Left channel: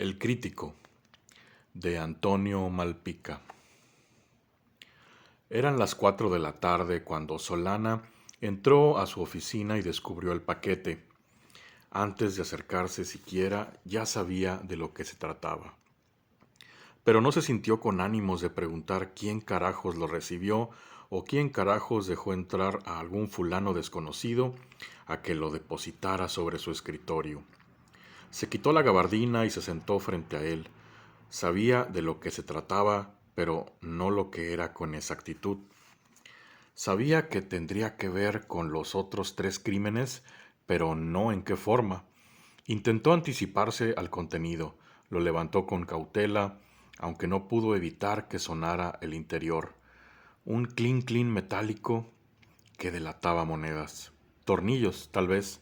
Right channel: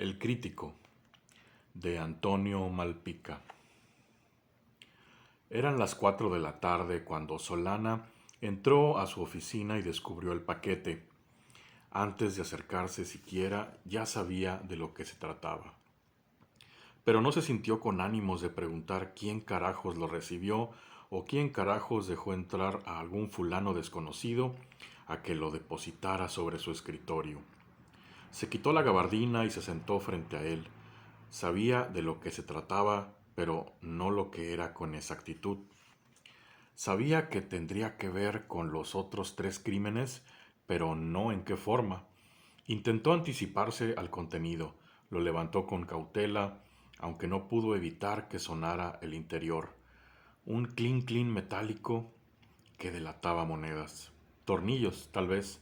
El crítico, de Antonio Malpica. Eran las 4 de la tarde cuando Solana entró a su oficina y descubrió el paquete. Antes de acercarse siquiera, ya sabía de lo que se trataba. Pero no se sintió con ánimos de preguntar quién carajos lo recibió o quién carajos dejó entrar a algún fulano desconocido a que lo depositara sobre su escritorio. Se quitó la gabardina y se sentó frente a él. Sabía de lo que se trataba, pero no lo que era con exactitud. Sabía que tendría que ver con los otros 3 crímenes, pero no en qué forma. Intentó anticiparse al contenido, lo levantó con cautela, aunque no pudo evitar que sonara el interior. Un clink clink metálico que delataba monedas. Tornillos, tal vez.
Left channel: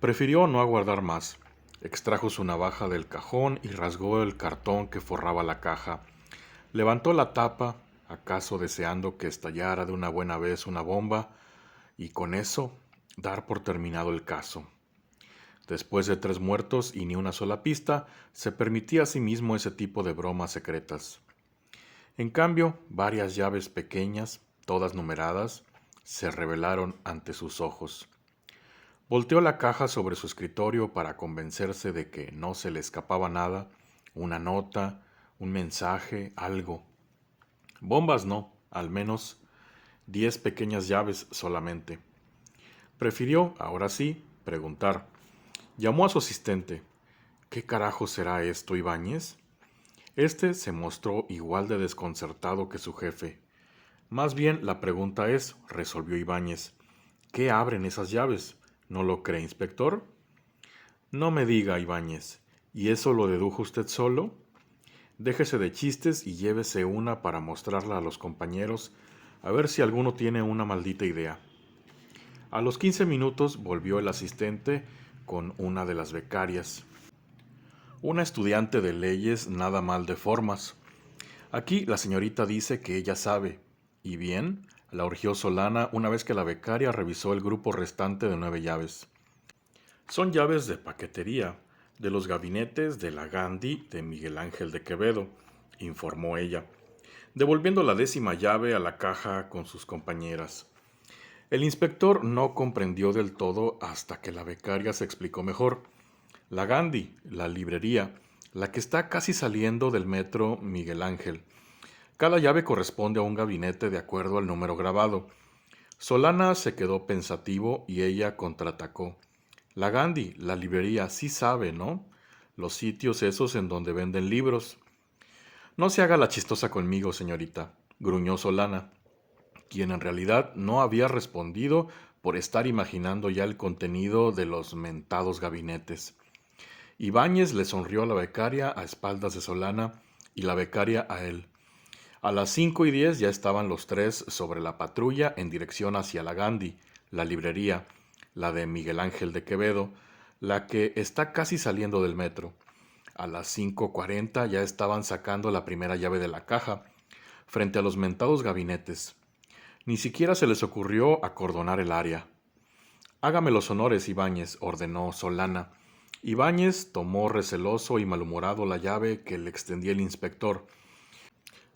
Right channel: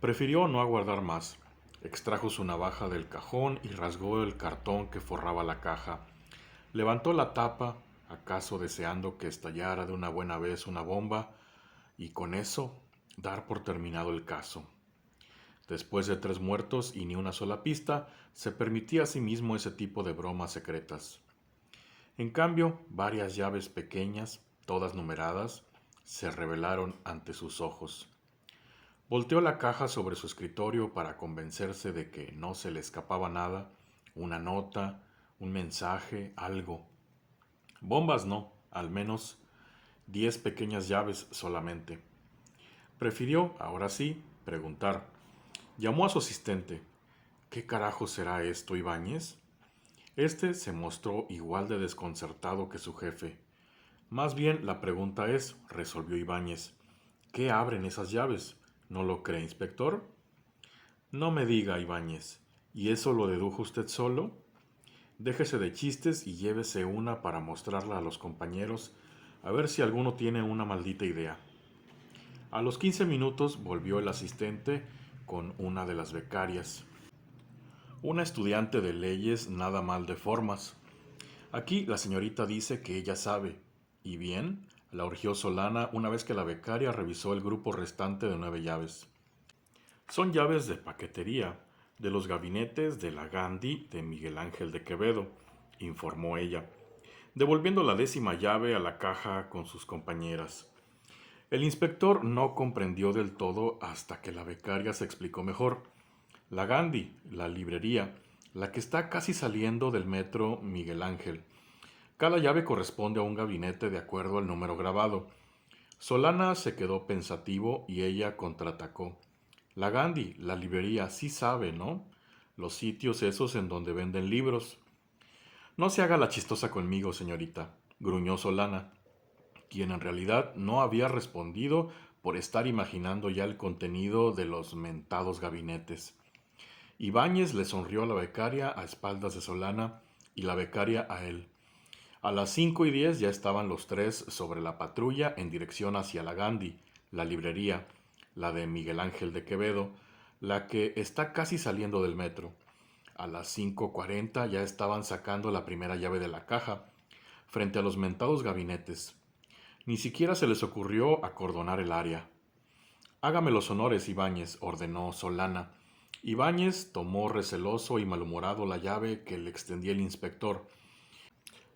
Prefirió no aguardar más. Extrajo su navaja del cajón y rasgó el cartón que forraba la caja. Levantó la tapa, acaso deseando que estallara de una buena vez una bomba, y con eso dar por terminado el caso. Después de 3 muertos y ni una sola pista, se permitía a sí mismo ese tipo de bromas secretas. En cambio, varias llaves pequeñas, todas numeradas, se revelaron ante sus ojos. Volteó la caja sobre su escritorio para convencerse de que no se le escapaba nada, una nota, un mensaje, algo. Bombas no, al menos 10 pequeñas llaves solamente. Prefirió, ahora sí, preguntar. Llamó a su asistente. ¿Qué carajo será esto, Ibáñez? Este se mostró igual de desconcertado que su jefe. Más bien la pregunta es, resolvió Ibáñez, ¿qué abren esas llaves? ¿No lo cree, inspector? No me diga, Ibáñez. ¿Y eso lo dedujo usted solo? Déjese de chistes y llévese una para mostrarla a los compañeros, a ver si alguno tiene una maldita idea. A los 15 minutos volvió el asistente con una de las becarias. Una estudiante de leyes nada mal de formas. Aquí la señorita dice que ella sabe. ¿Y bien? La urgió Solana una vez que la becaria revisó el grupo restante de 9 llaves. Son llaves de paquetería, de los gabinetes de la Gandhi de Miguel Ángel de Quevedo, informó ella, devolviendo la 10ª llave a la caja con sus compañeras. El inspector no comprendió del todo hasta que la becaria se explicó mejor. La Gandhi, la librería, la que está casi saliendo del metro Miguel Ángel. Cada llave corresponde a un gabinete de acuerdo al número grabado. Solana se quedó pensativo y ella contraatacó. La Gandhi, la librería, sí sabe, ¿no? Los sitios esos en donde venden libros. No se haga la chistosa conmigo, señorita, gruñó Solana, quien en realidad no había respondido por estar imaginando ya el contenido de los mentados gabinetes. Ibáñez le sonrió a la becaria a espaldas de Solana y la becaria a él. A las 5:10 ya estaban los 3 sobre la patrulla en dirección hacia la Gandhi, la librería, la de Miguel Ángel de Quevedo, la que está casi saliendo del metro. A las 5:40 ya estaban sacando la primera llave de la caja, frente a los mentados gabinetes. Ni siquiera se les ocurrió acordonar el área. Hágame los honores, Ibáñez, ordenó Solana. Ibáñez tomó receloso y malhumorado la llave que le extendía el inspector,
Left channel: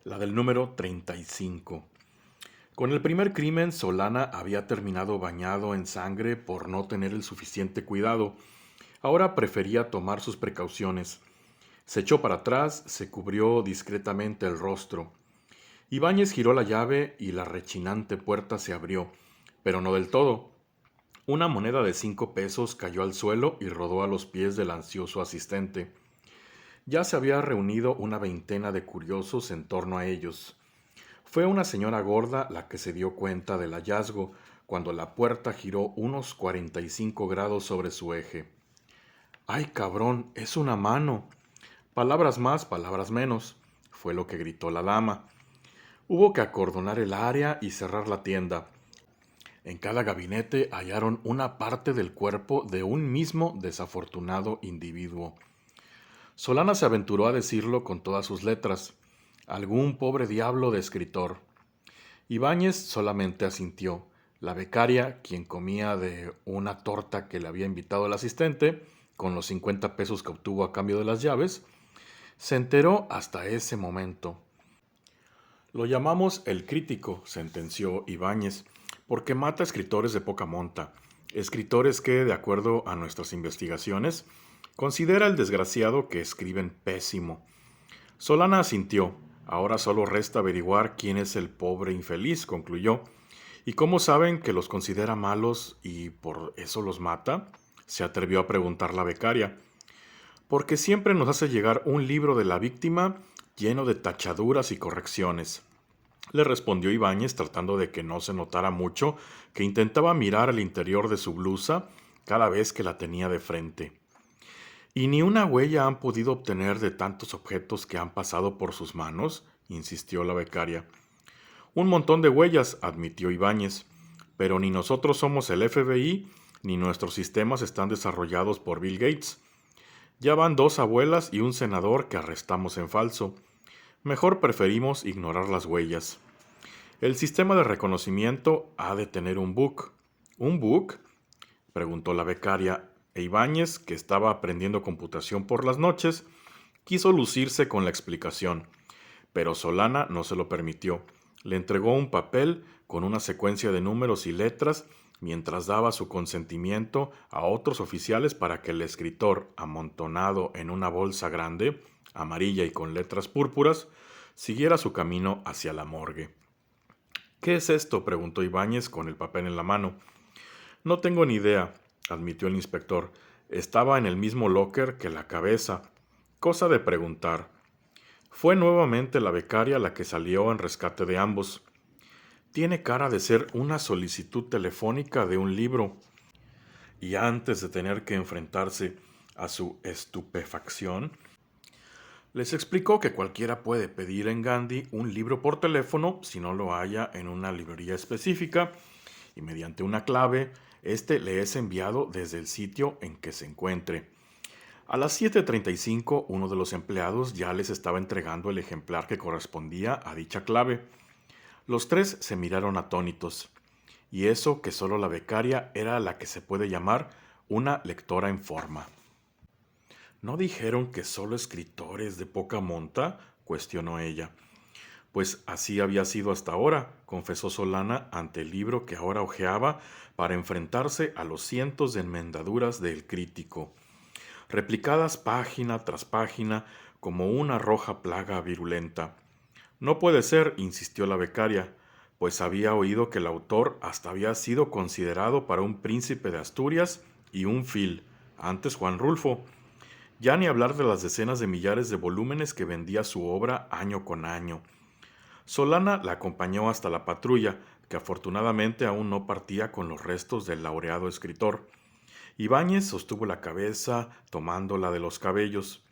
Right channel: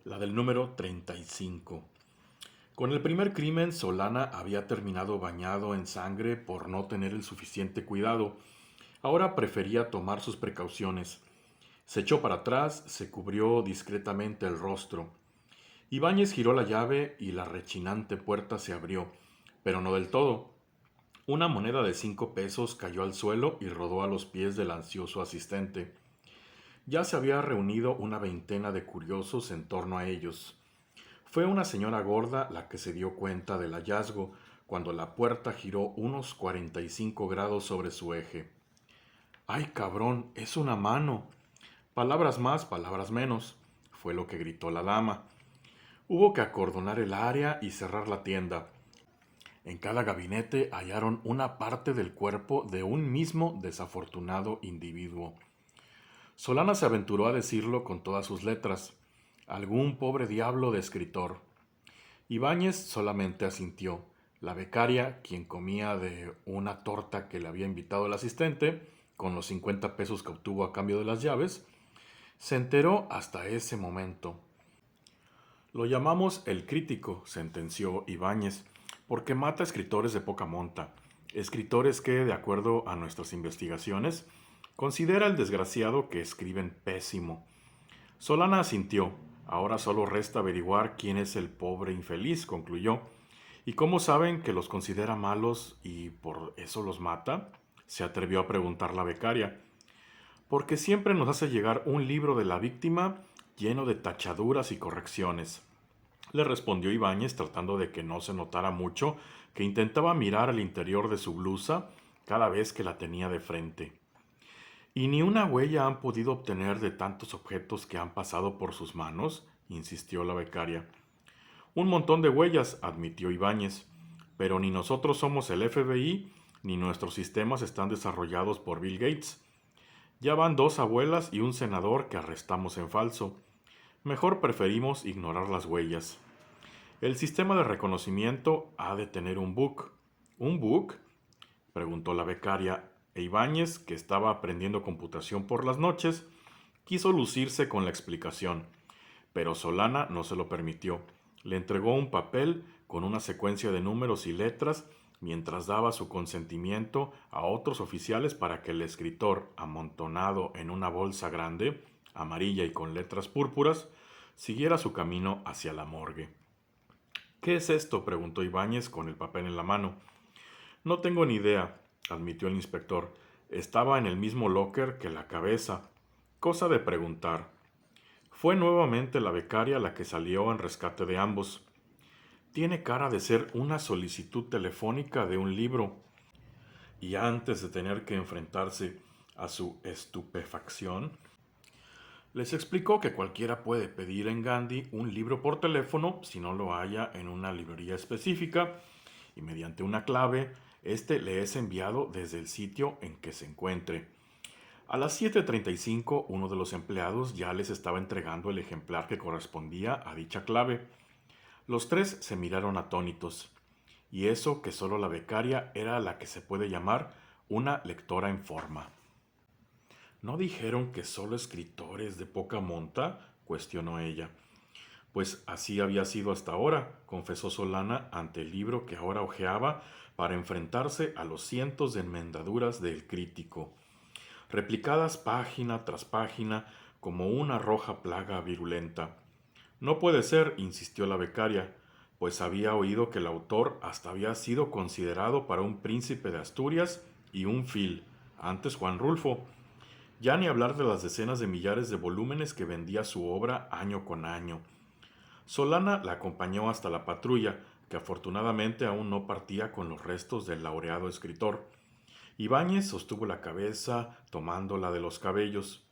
la del número 35. Con el primer crimen, Solana había terminado bañado en sangre por no tener el suficiente cuidado. Ahora prefería tomar sus precauciones. Se echó para atrás, se cubrió discretamente el rostro. Ibáñez giró la llave y la rechinante puerta se abrió, pero no del todo. Una moneda de 5 pesos cayó al suelo y rodó a los pies del ansioso asistente. Ya se había reunido una veintena de curiosos en torno a ellos. Fue una señora gorda la que se dio cuenta del hallazgo cuando la puerta giró unos 45 grados sobre su eje. ¡Ay, cabrón! ¡Es una mano! Palabras más, palabras menos, fue lo que gritó la dama. Hubo que acordonar el área y cerrar la tienda. En cada gabinete hallaron una parte del cuerpo de un mismo desafortunado individuo. Solana se aventuró a decirlo con todas sus letras. Algún pobre diablo de escritor. Ibáñez solamente asintió. La becaria, quien comía de una torta que le había invitado el asistente, con los 50 pesos que obtuvo a cambio de las llaves, Se enteró hasta ese momento. Lo llamamos el crítico, sentenció Ibáñez, porque mata escritores de poca monta, escritores que, de acuerdo a nuestras investigaciones, considera el desgraciado que escriben pésimo. Solana asintió. Ahora solo resta averiguar quién es el pobre infeliz, concluyó. ¿Y cómo saben que los considera malos y por eso los mata? Se atrevió a preguntar la becaria. Porque siempre nos hace llegar un libro de la víctima lleno de tachaduras y correcciones. Le respondió Ibáñez tratando de que no se notara mucho, que intentaba mirar al interior de su blusa cada vez que la tenía de frente. ¿Y ni una huella han podido obtener de tantos objetos que han pasado por sus manos? Insistió la becaria. Un montón de huellas, admitió Ibáñez, pero ni nosotros somos el FBI, ni nuestros sistemas están desarrollados por Bill Gates. Ya van 2 abuelas y un senador que arrestamos en falso. Mejor preferimos ignorar las huellas. El sistema de reconocimiento ha de tener un bug. ¿Un bug? Preguntó la becaria, e Ibáñez, que estaba aprendiendo computación por las noches, quiso lucirse con la explicación, pero Solana no se lo permitió. Le entregó un papel con una secuencia de números y letras mientras daba su consentimiento a otros oficiales para que el escritor, amontonado en una bolsa grande, amarilla y con letras púrpuras, siguiera su camino hacia la morgue. ¿Qué es esto?, preguntó Ibáñez con el papel en la mano. No tengo ni idea, admitió el inspector. Estaba en el mismo locker que la cabeza. Cosa de preguntar. Fue nuevamente la becaria la que salió en rescate de ambos. Tiene cara de ser una solicitud telefónica de un libro. Y antes de tener que enfrentarse a su estupefacción, les explicó que cualquiera puede pedir en Gandhi un libro por teléfono si no lo haya en una librería específica y mediante una clave, este le es enviado desde el sitio en que se encuentre. A las 7:35, uno de los empleados ya les estaba entregando el ejemplar que correspondía a dicha clave. Los tres se miraron atónitos. Y eso que solo la becaria era la que se puede llamar una lectora en forma. ¿No dijeron que solo escritores de poca monta?, cuestionó ella. Pues así había sido hasta ahora, confesó Solana ante el libro que ahora hojeaba para enfrentarse a los cientos de enmendaduras del crítico, replicadas página tras página como una roja plaga virulenta. No puede ser, insistió la becaria, pues había oído que el autor hasta había sido considerado para un príncipe de Asturias y un Phil, antes Juan Rulfo. Ya ni hablar de las decenas de millares de volúmenes que vendía su obra año con año. Solana la acompañó hasta la patrulla, que afortunadamente aún no partía con los restos del laureado escritor. Ibáñez sostuvo la cabeza, tomándola de los cabellos.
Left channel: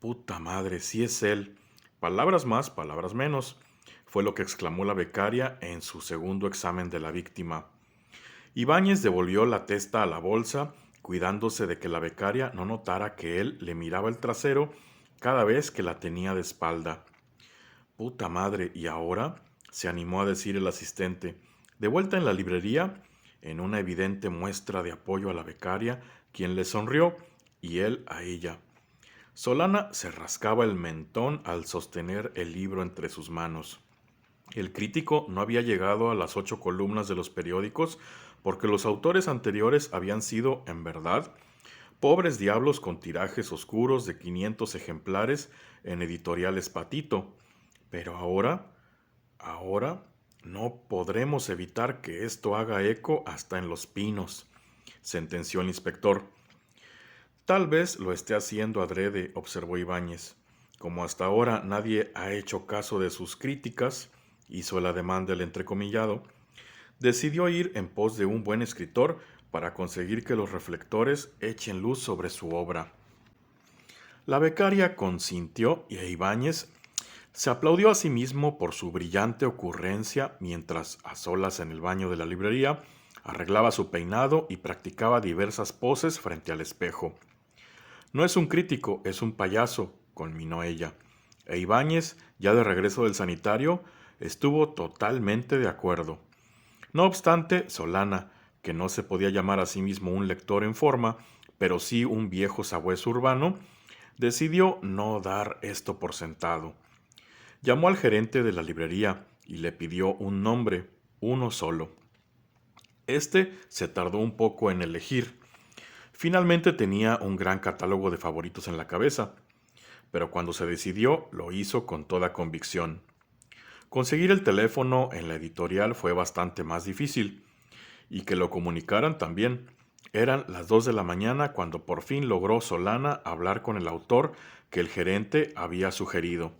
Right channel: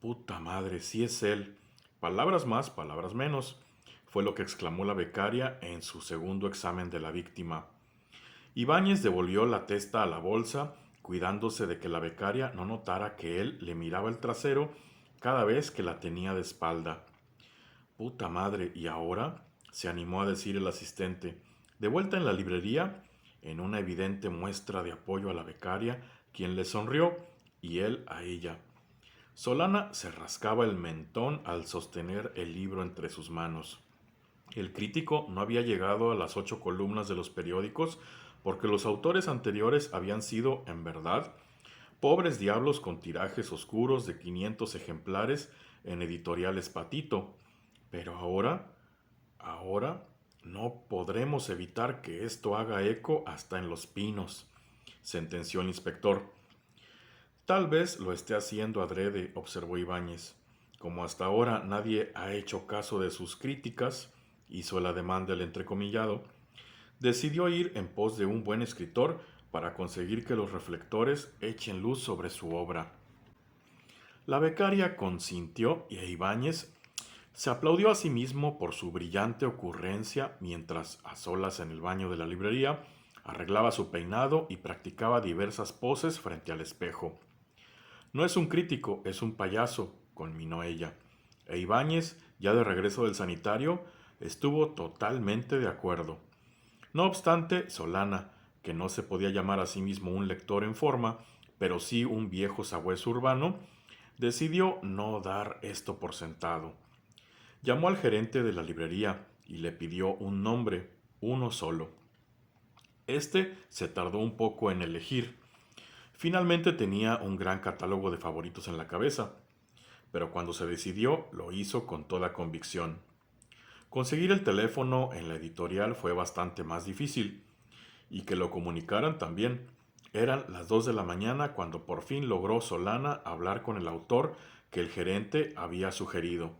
Puta madre, sí es él. Palabras más, palabras menos, fue lo que exclamó la becaria en su segundo examen de la víctima. Ibáñez devolvió la testa a la bolsa, cuidándose de que la becaria no notara que él le miraba el trasero cada vez que la tenía de espalda. Puta madre, ¿y ahora?, se animó a decir el asistente. De vuelta en la librería, en una evidente muestra de apoyo a la becaria, quien le sonrió y él a ella. Solana se rascaba el mentón al sostener el libro entre sus manos. El crítico no había llegado a las 8 columnas de los periódicos porque los autores anteriores habían sido, en verdad, pobres diablos con tirajes oscuros de 500 ejemplares en editoriales Patito. Pero ahora, no podremos evitar que esto haga eco hasta en Los Pinos, sentenció el inspector. Tal vez lo esté haciendo adrede, observó Ibáñez. Como hasta ahora nadie ha hecho caso de sus críticas, hizo el ademán del entrecomillado, decidió ir en pos de un buen escritor para conseguir que los reflectores echen luz sobre su obra. La becaria consintió y Ibáñez se aplaudió a sí mismo por su brillante ocurrencia mientras, a solas en el baño de la librería, arreglaba su peinado y practicaba diversas poses frente al espejo. No es un crítico, es un payaso, conminó ella. E Ibáñez, ya de regreso del sanitario, estuvo totalmente de acuerdo. No obstante, Solana, que no se podía llamar a sí mismo un lector en forma, pero sí un viejo sabueso urbano, decidió no dar esto por sentado. Llamó al gerente de la librería y le pidió un nombre, uno solo. Este se tardó un poco en elegir. Finalmente tenía un gran catálogo de favoritos en la cabeza, pero cuando se decidió lo hizo con toda convicción. Conseguir el teléfono en la editorial fue bastante más difícil, y que lo comunicaran también. Eran las 2 de la mañana cuando por fin logró Solana hablar con el autor que el gerente había sugerido.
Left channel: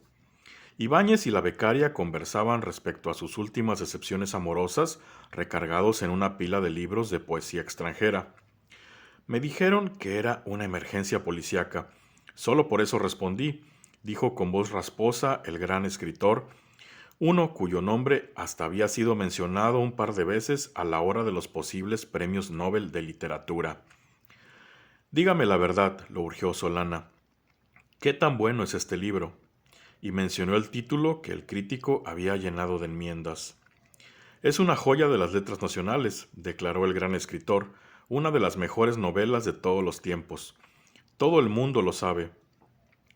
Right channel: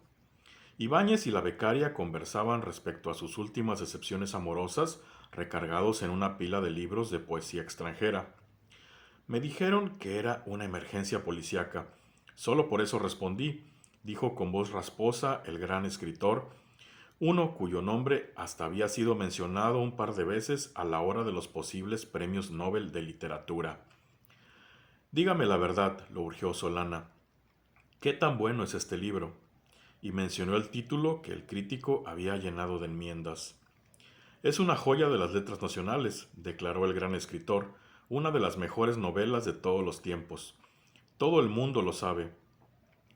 Ibáñez y la becaria conversaban respecto a sus últimas decepciones amorosas recargados en una pila de libros de poesía extranjera. Me dijeron que era una emergencia policíaca. Solo por eso respondí, dijo con voz rasposa el gran escritor, uno cuyo nombre hasta había sido mencionado un par de veces a la hora de los posibles premios Nobel de literatura. Dígame la verdad, lo urgió Solana. ¿Qué tan bueno es este libro? Y mencionó el título que el crítico había llenado de enmiendas. Es una joya de las letras nacionales, declaró el gran escritor, una de las mejores novelas de todos los tiempos. Todo el mundo lo sabe.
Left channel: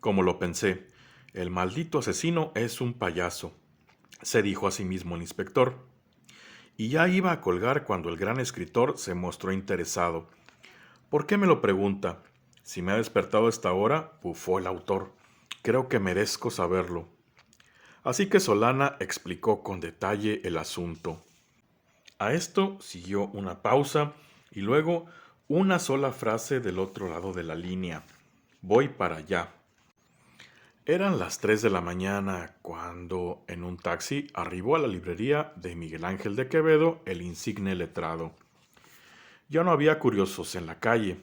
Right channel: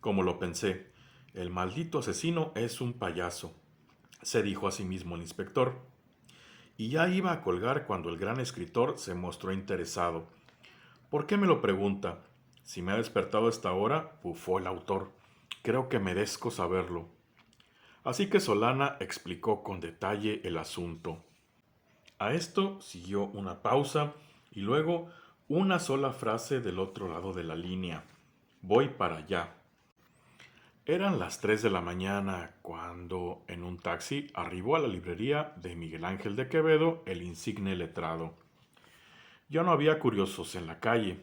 Como lo pensé, el maldito asesino es un payaso, se dijo a sí mismo el inspector. Y ya iba a colgar cuando el gran escritor se mostró interesado. ¿Por qué me lo pregunta? Si me ha despertado a esta hora, bufó el autor. Creo que merezco saberlo. Así que Solana explicó con detalle el asunto. A esto siguió una pausa y luego una sola frase del otro lado de la línea. Voy para allá. Eran las 3 de la mañana cuando, en un taxi, arribó a la librería de Miguel Ángel de Quevedo, el insigne letrado. Ya no había curiosos en la calle,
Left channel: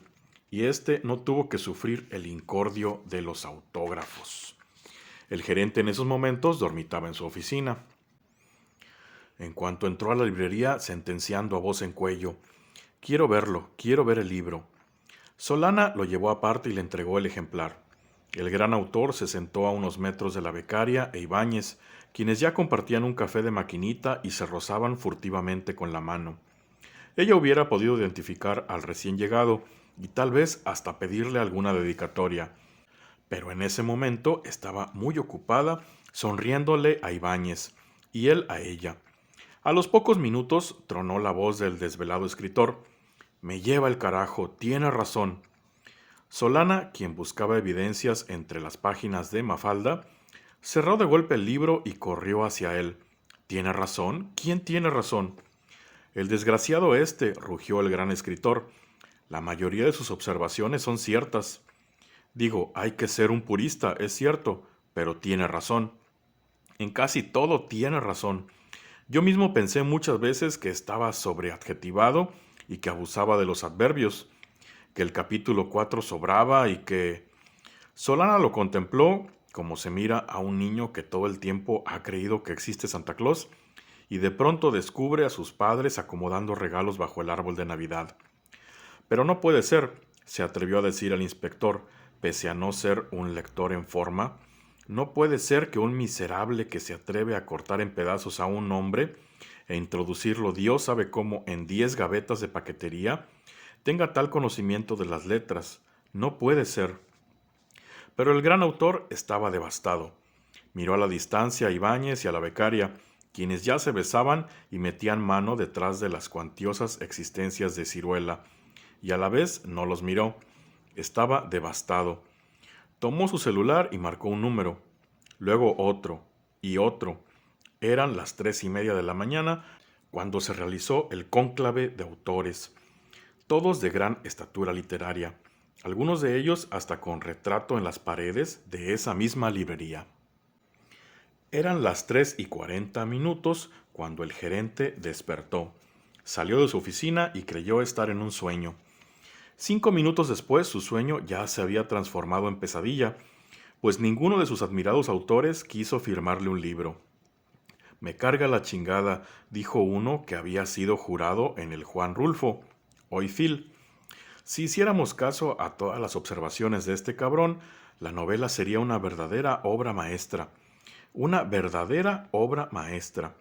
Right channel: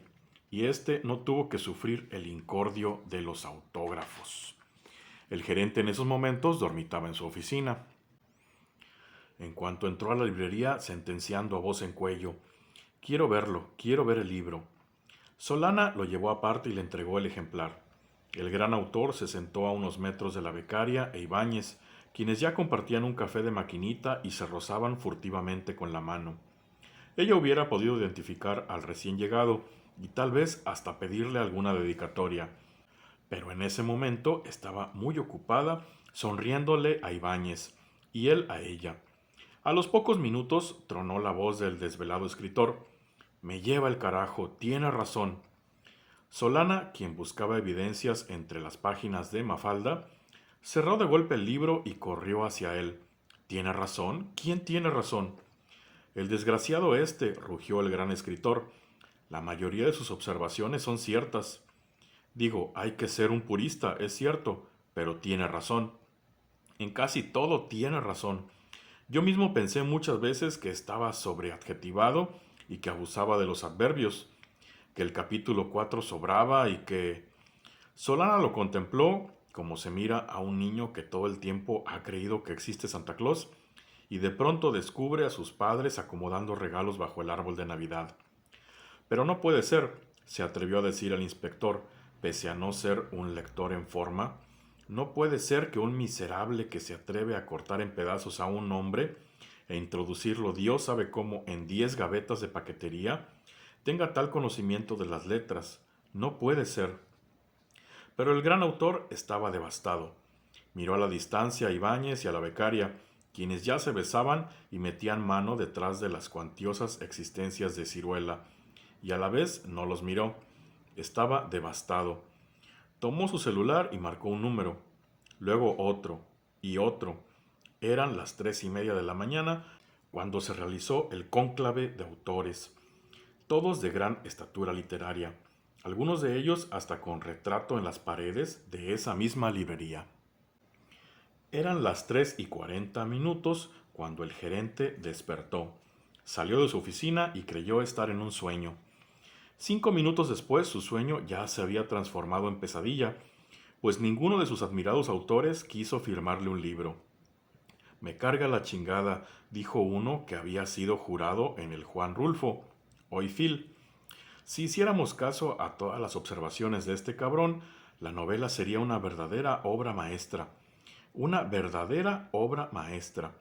y éste no tuvo que sufrir el incordio de los autógrafos. El gerente en esos momentos dormitaba en su oficina. En cuanto entró a la librería, sentenciando a voz en cuello, quiero verlo, quiero ver el libro. Solana lo llevó aparte y le entregó el ejemplar. El gran autor se sentó a unos metros de la becaria e Ibáñez, quienes ya compartían un café de maquinita y se rozaban furtivamente con la mano. Ella hubiera podido identificar al recién llegado y tal vez hasta pedirle alguna dedicatoria, pero en ese momento estaba muy ocupada sonriéndole a Ibáñez y él a ella. A los pocos minutos tronó la voz del desvelado escritor. Me lleva el carajo, tiene razón. Solana, quien buscaba evidencias entre las páginas de Mafalda, cerró de golpe el libro y corrió hacia él. ¿Tiene razón? ¿Quién tiene razón? El desgraciado este, rugió el gran escritor. La mayoría de sus observaciones son ciertas. Digo, hay que ser un purista, es cierto, pero tiene razón. En casi todo tiene razón. Yo mismo pensé muchas veces que estaba sobreadjetivado y que abusaba de los adverbios, que el capítulo 4 sobraba y que... Solana lo contempló como se mira a un niño que todo el tiempo ha creído que existe Santa Claus y de pronto descubre a sus padres acomodando regalos bajo el árbol de Navidad. Pero no puede ser, se atrevió a decir el inspector, pese a no ser un lector en forma. No puede ser que un miserable que se atreve a cortar en pedazos a un hombre e introducirlo Dios sabe cómo en 10 gavetas de paquetería tenga tal conocimiento de las letras. No puede ser. Pero el gran autor estaba devastado. Miró a la distancia a Ibáñez y a la becaria, quienes ya se besaban y metían mano detrás de las cuantiosas existencias de Ciruela, y a la vez no los miró. Estaba devastado. Tomó su celular y marcó un número, luego otro y otro. Eran las 3:30 de la mañana cuando se realizó el cónclave de autores, todos de gran estatura literaria, algunos de ellos hasta con retrato en las paredes de esa misma librería. Eran las 3:40 cuando el gerente despertó. Salió de su oficina y creyó estar en un sueño. 5 minutos después su sueño ya se había transformado en pesadilla, pues ninguno de sus admirados autores quiso firmarle un libro. Me carga la chingada, dijo uno que había sido jurado en el Juan Rulfo. Hoy Phil. Si hiciéramos caso a todas las observaciones de este cabrón, la novela sería una verdadera obra maestra. Una verdadera obra maestra.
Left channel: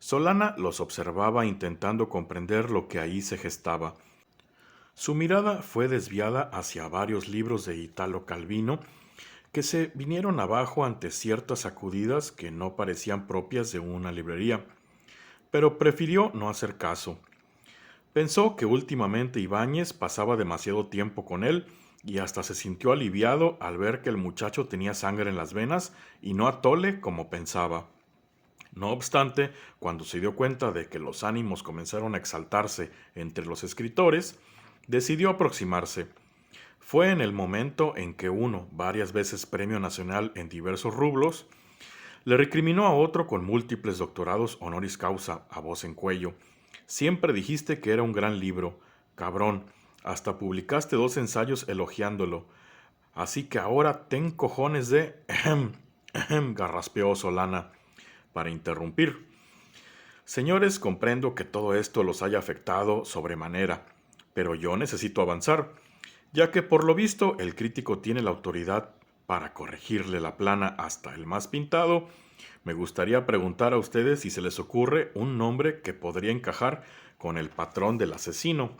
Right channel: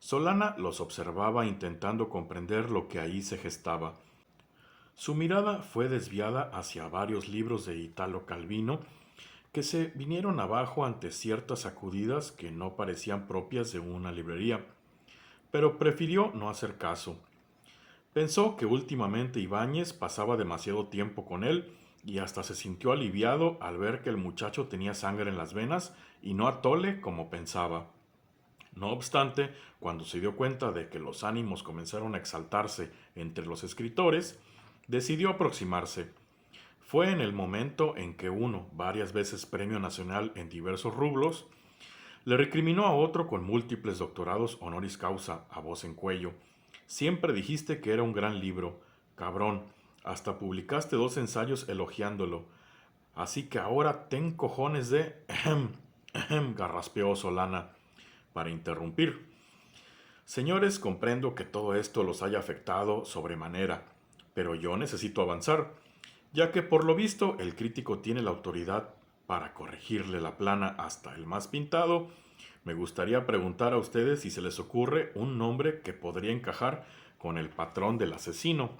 Solana los observaba intentando comprender lo que ahí se gestaba. Su mirada fue desviada hacia varios libros de Italo Calvino que se vinieron abajo ante ciertas sacudidas que no parecían propias de una librería, pero prefirió no hacer caso. Pensó que últimamente Ibáñez pasaba demasiado tiempo con él y hasta se sintió aliviado al ver que el muchacho tenía sangre en las venas y no atole como pensaba. No obstante, cuando se dio cuenta de que los ánimos comenzaron a exaltarse entre los escritores, decidió aproximarse. Fue en el momento en que uno, varias veces premio nacional en diversos rubros, le recriminó a otro con múltiples doctorados honoris causa a voz en cuello. Siempre dijiste que era un gran libro, cabrón, hasta publicaste 2 ensayos elogiándolo. Así que ahora ten cojones de... garraspeó Solana para interrumpir. Señores, comprendo que todo esto los haya afectado sobremanera, pero yo necesito avanzar, ya que por lo visto el crítico tiene la autoridad para corregirle la plana hasta el más pintado. Me gustaría preguntar a ustedes si se les ocurre un nombre que podría encajar con el patrón del asesino.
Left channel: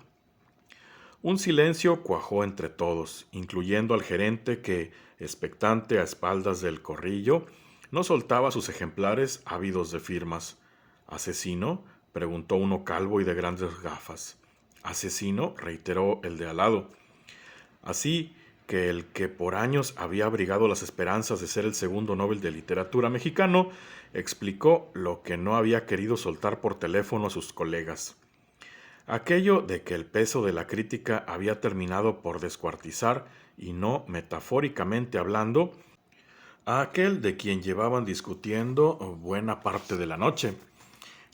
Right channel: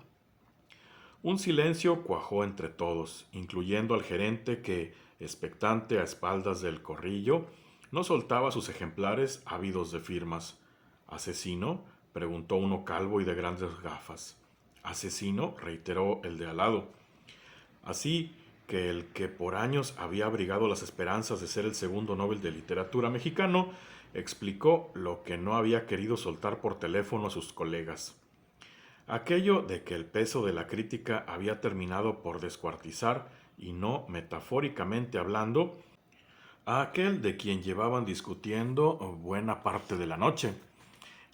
Un silencio cuajó entre todos, incluyendo al gerente que, expectante a espaldas del corrillo, no soltaba sus ejemplares ávidos de firmas. ¿Asesino? Preguntó uno calvo y de grandes gafas. ¿Asesino? Reiteró el de al lado. Así que el que por años había abrigado las esperanzas de ser el segundo Nobel de Literatura mexicano, explicó lo que no había querido soltar por teléfono a sus colegas. Aquello de que el peso de la crítica había terminado por descuartizar, y no metafóricamente hablando, a aquel de quien llevaban discutiendo buena parte de la noche.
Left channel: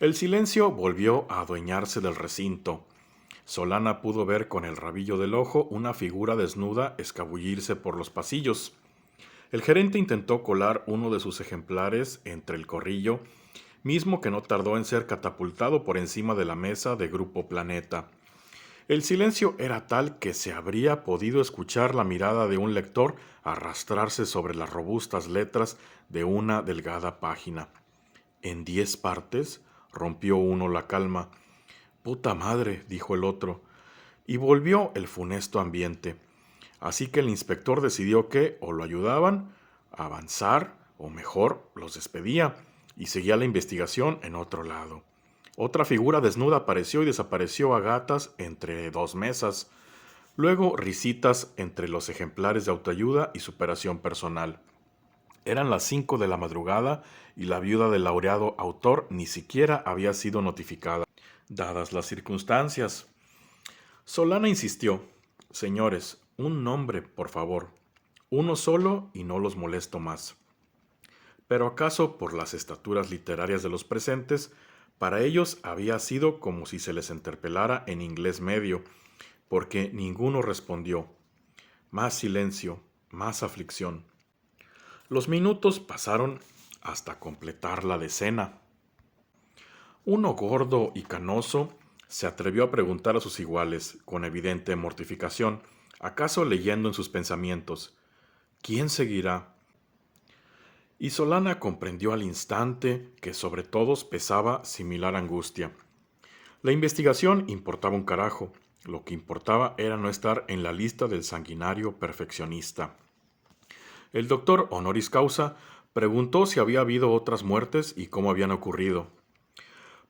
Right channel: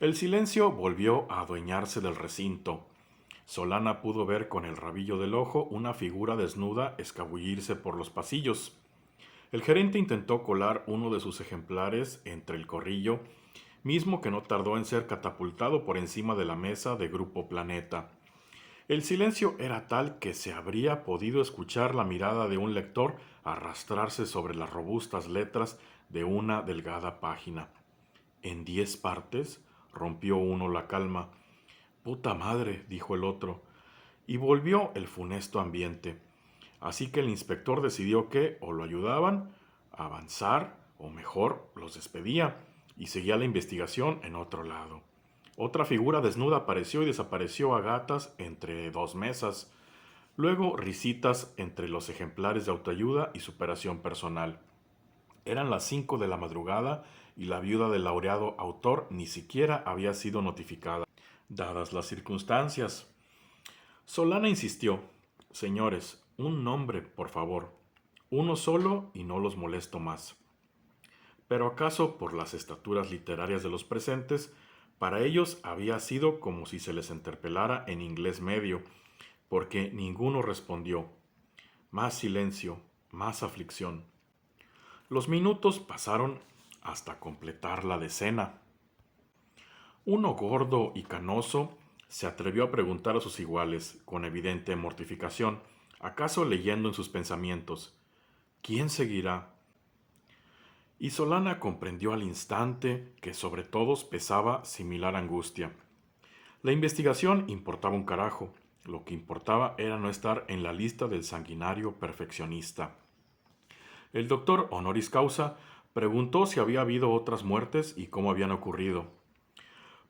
El silencio volvió a adueñarse del recinto. Solana pudo ver con el rabillo del ojo una figura desnuda escabullirse por los pasillos. El gerente intentó colar uno de sus ejemplares entre el corrillo, mismo que no tardó en ser catapultado por encima de la mesa de Grupo Planeta. El silencio era tal que se habría podido escuchar la mirada de un lector arrastrarse sobre las robustas letras de una delgada página. En 10 partes, rompió uno la calma. Puta madre, dijo el otro, y volvió el funesto ambiente. Así que el inspector decidió que o lo ayudaban a avanzar, o mejor, los despedía, y seguía la investigación en otro lado. Otra figura desnuda apareció y desapareció a gatas entre 2 mesas. Luego risitas entre los ejemplares de autoayuda y superación personal. Eran las 5 de la madrugada y la viuda del laureado autor ni siquiera había sido notificada, dadas las circunstancias. Solana insistió: Señores, un nombre, por favor. Uno solo y no los molesto más. Pero acaso por las estaturas literarias de los presentes, para ellos había sido como si se les interpelara en inglés medio, porque ninguno respondió. Más silencio, más aflicción. Los minutos pasaron hasta completar la decena. Uno gordo y canoso se atrevió a preguntar a sus iguales, con evidente mortificación, acaso leyendo en sus pensamientos: ¿quién seguirá? Y Solana comprendió al instante que sobre todos pesaba similar angustia. La investigación importaba un carajo, lo que importaba era no estar en la lista del sanguinario perfeccionista. El doctor honoris causa preguntó si había habido otras muertes y cómo habían ocurrido.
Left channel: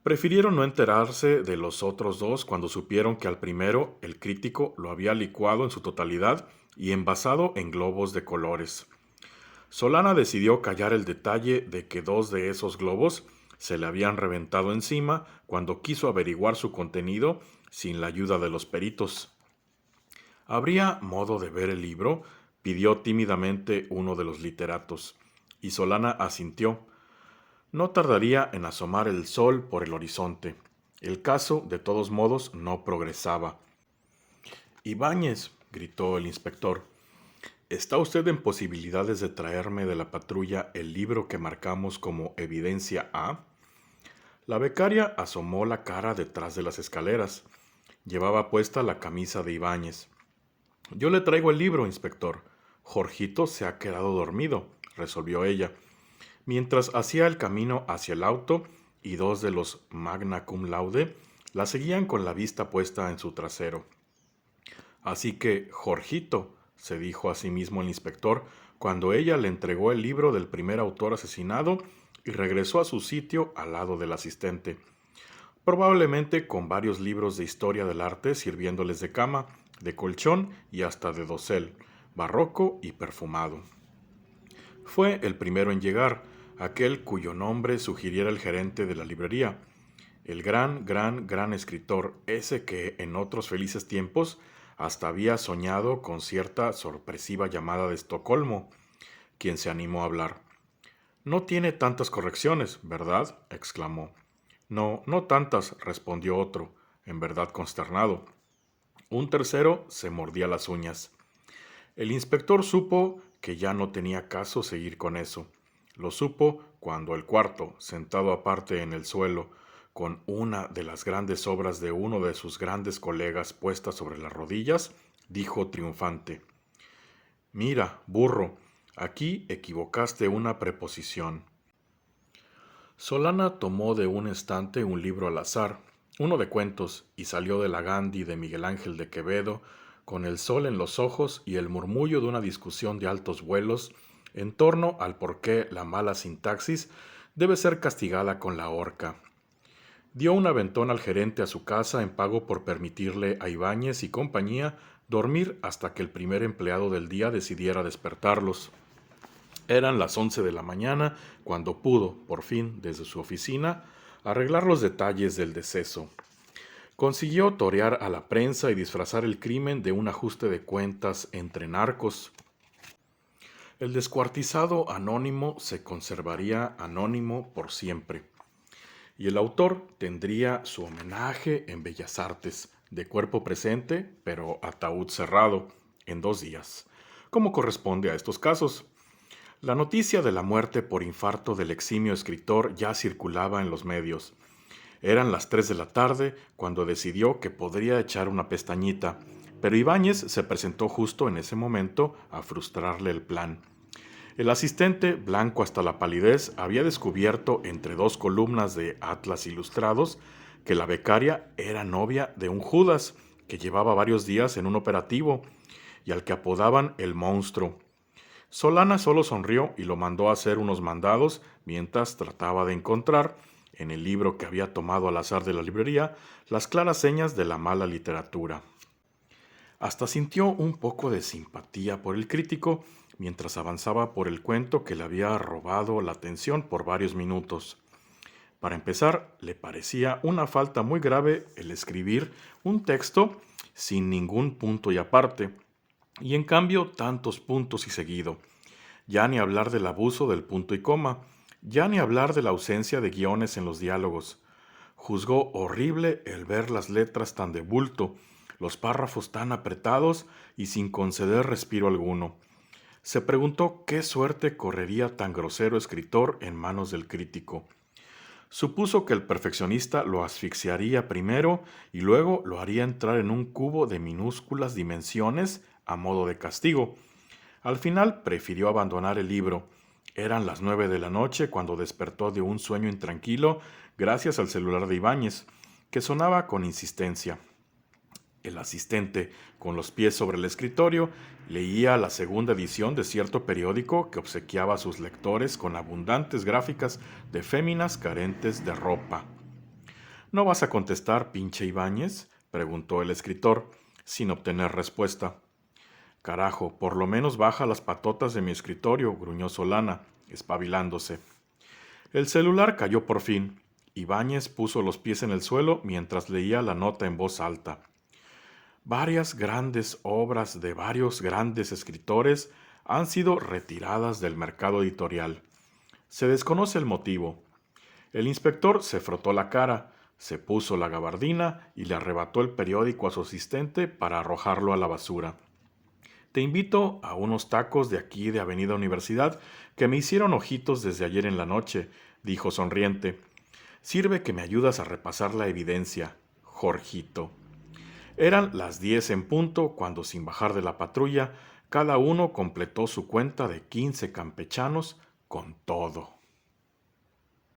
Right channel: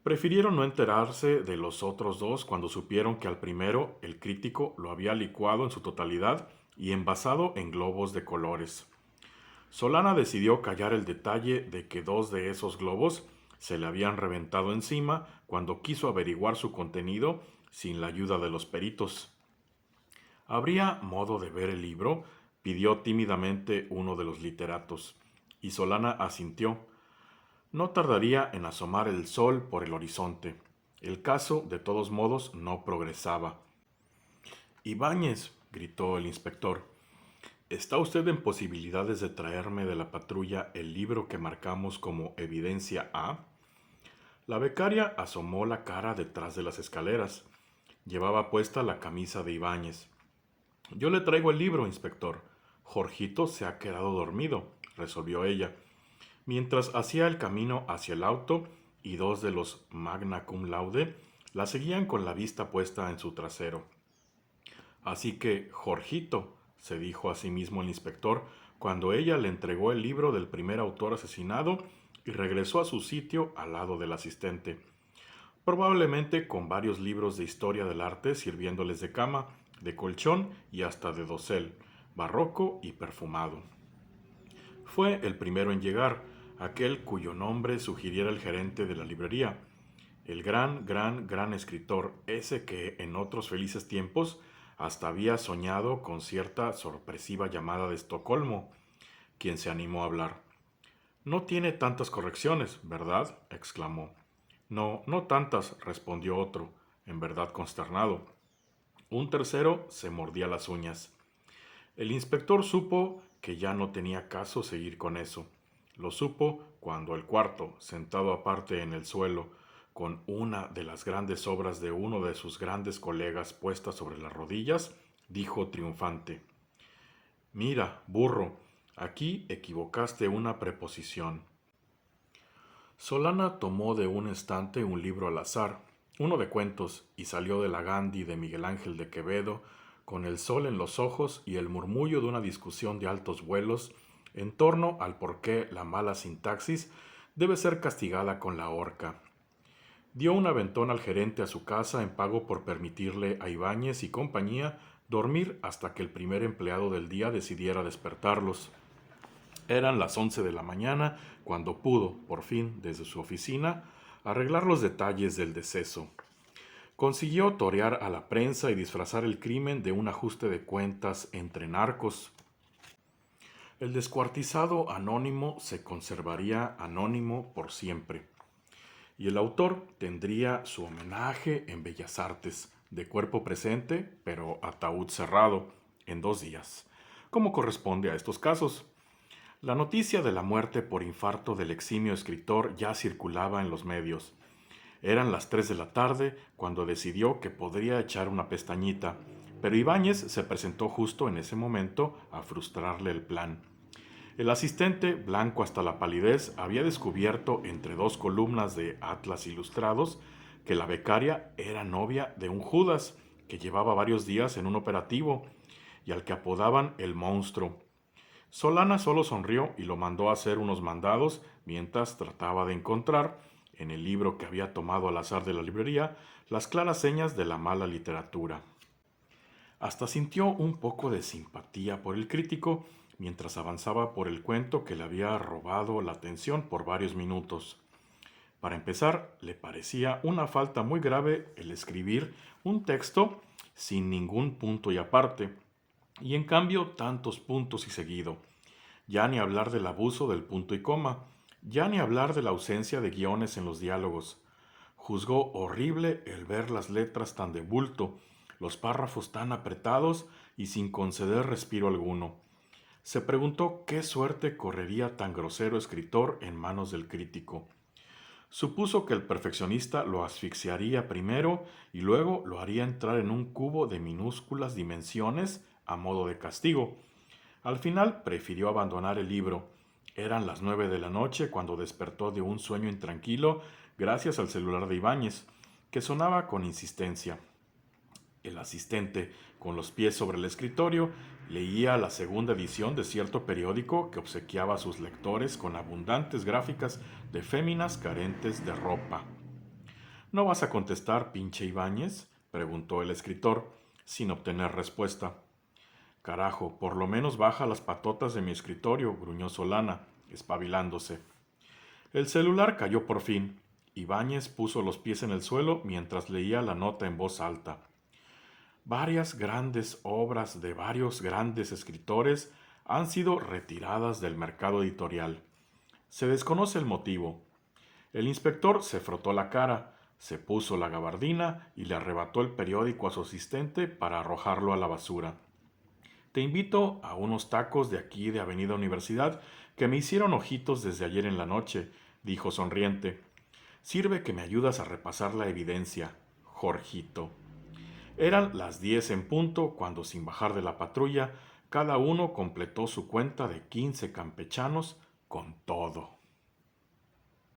Prefirieron no enterarse de los otros dos cuando supieron que al primero el crítico lo había licuado en su totalidad y envasado en globos de colores. Solana decidió callar el detalle de que 2 de esos globos se le habían reventado encima cuando quiso averiguar su contenido sin la ayuda de los peritos. ¿Habría modo de ver el libro?, pidió tímidamente uno de los literatos, y Solana asintió. No tardaría en asomar el sol por el horizonte. El caso, de todos modos, no progresaba. Ibáñez, gritó el inspector, ¿está usted en posibilidades de traerme de la patrulla el libro que marcamos como evidencia A? La becaria asomó la cara detrás de las escaleras. Llevaba puesta la camisa de Ibáñez. Yo le traigo el libro, inspector. Jorgito se ha quedado dormido, resolvió ella, mientras hacía el camino hacia el auto y 2 de los magna cum laude la seguían con la vista puesta en su trasero. Así que, Jorgito, se dijo a sí mismo el inspector, cuando ella le entregó el libro del primer autor asesinado y regresó a su sitio al lado del asistente, probablemente con varios libros de historia del arte sirviéndoles de cama, de colchón y hasta de dosel, barroco y perfumado. Fue el primero en llegar, aquel cuyo nombre sugiriera el gerente de la librería, el gran escritor, ese que en otros felices tiempos hasta había soñado con cierta sorpresiva llamada de Estocolmo, quien se animó a hablar. No tiene tantas correcciones, ¿verdad? Exclamó. No, no tantas, respondió otro, en verdad consternado. Un tercero se mordía las uñas. El inspector supo que ya no tenía caso seguir con eso. Lo supo cuando el cuarto, sentado aparte en el suelo, con una de las grandes obras de uno de sus grandes colegas puesta sobre las rodillas, dijo triunfante: Mira, burro, aquí equivocaste una preposición. Solana tomó de un estante un libro al azar, uno de cuentos, y salió de la Gandhi de Miguel Ángel de Quevedo, con el sol en los ojos y el murmullo de una discusión de altos vuelos en torno al por qué la mala sintaxis debe ser castigada con la horca. Dio un aventón al gerente a su casa en pago por permitirle a Ibáñez y compañía dormir hasta que el primer empleado del día decidiera despertarlos. Eran las 11 de la mañana cuando pudo, por fin, desde su oficina, arreglar los detalles del deceso. Consiguió torear a la prensa y disfrazar el crimen de un ajuste de cuentas entre narcos. El descuartizado anónimo se conservaría anónimo por siempre, y el autor tendría su homenaje en Bellas Artes, de cuerpo presente, pero ataúd cerrado, en 2 días, como corresponde a estos casos. La noticia de la muerte por infarto del eximio escritor ya circulaba en los medios. Eran las 3 de la tarde cuando decidió que podría echar una pestañita, pero Ibáñez se presentó justo en ese momento a frustrarle el plan. El asistente, blanco hasta la palidez, había descubierto entre 2 columnas de Atlas Ilustrados que la becaria era novia de un Judas que llevaba varios días en un operativo y al que apodaban el monstruo. Solana solo sonrió y lo mandó a hacer unos mandados mientras trataba de encontrar, en el libro que había tomado al azar de la librería, las claras señas de la mala literatura. Hasta sintió un poco de simpatía por el crítico mientras avanzaba por el cuento que le había robado la atención por varios minutos. Para empezar, le parecía una falta muy grave el escribir un texto sin ningún punto y aparte, y en cambio tantos puntos y seguido. Ya ni hablar del abuso del punto y coma, ya ni hablar de la ausencia de guiones en los diálogos. Juzgó horrible el ver las letras tan de bulto, los párrafos tan apretados y sin conceder respiro alguno. Se preguntó qué suerte correría tan grosero escritor en manos del crítico. Supuso que el perfeccionista lo asfixiaría primero y luego lo haría entrar en un cubo de minúsculas dimensiones a modo de castigo. Al final prefirió abandonar el libro. Eran las 9 de la noche cuando despertó de un sueño intranquilo gracias al celular de Ibáñez, que sonaba con insistencia. El asistente, con los pies sobre el escritorio, leía la segunda edición de cierto periódico que obsequiaba a sus lectores con abundantes gráficas de féminas carentes de ropa. ¿No vas a contestar, pinche Ibáñez?, preguntó el escritor, sin obtener respuesta. Carajo, por lo menos baja las patotas de mi escritorio, gruñó Solana, espabilándose. El celular cayó por fin. Ibáñez puso los pies en el suelo mientras leía la nota en voz alta. Varias grandes obras de varios grandes escritores han sido retiradas del mercado editorial. Se desconoce el motivo. El inspector se frotó la cara, se puso la gabardina y le arrebató el periódico a su asistente para arrojarlo a la basura. Te invito a unos tacos de aquí de Avenida Universidad que me hicieron ojitos desde ayer en la noche, dijo sonriente. Sirve que me ayudas a repasar la evidencia, Jorgito. Eran las 10 en punto cuando, sin bajar de la patrulla, cada uno completó su cuenta de 15 campechanos con todo.